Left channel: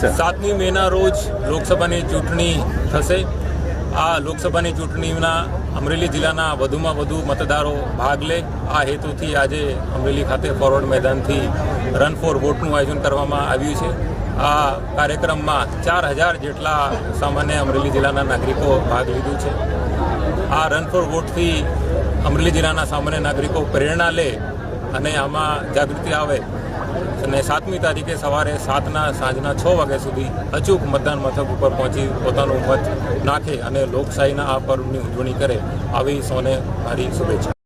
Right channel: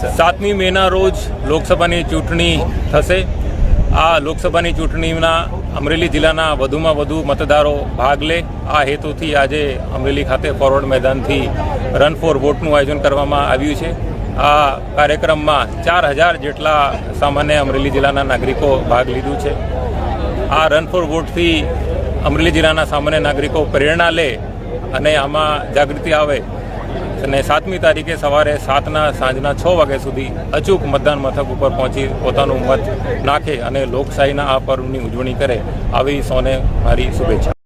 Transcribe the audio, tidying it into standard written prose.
7મી મેના રોજ લોકસભાની ચૂંટણી થશે। આ લોકસભાની ચૂંટણીના અમરેલી જિલ્લાના વધુમાં વધુ મતદારો ભાગ લે આ હેતુથી આજે અમરેલી ખાતે ફોરવર્ડ મેદાનથી રન ફોર વોટનું આયોજન કરવામાં આવ્યું છે। આ કાર્યક્રમમાં 4000 જેટલા સામાન્ય અમરેલી જિલ્લાના નાગરિકો ભાગ લીધું છે। આ રન ફોર વોટથી અમરેલી જિલ્લાના સામાન્ય નાગરિકો પ્રેરણા લે અને આમાં જાગૃતિ આવે અને 7મી તારીખે સવારે 7 સાંજના 6 વાગ્યા સુધી અચૂક મતદાન મથક ઉપર પહોંચી પોતાનું મત નાખે અને લોકશાહીના આ પર્વની ઉજવણી કરે, આવી સૌને મારી શુભેચ્છા।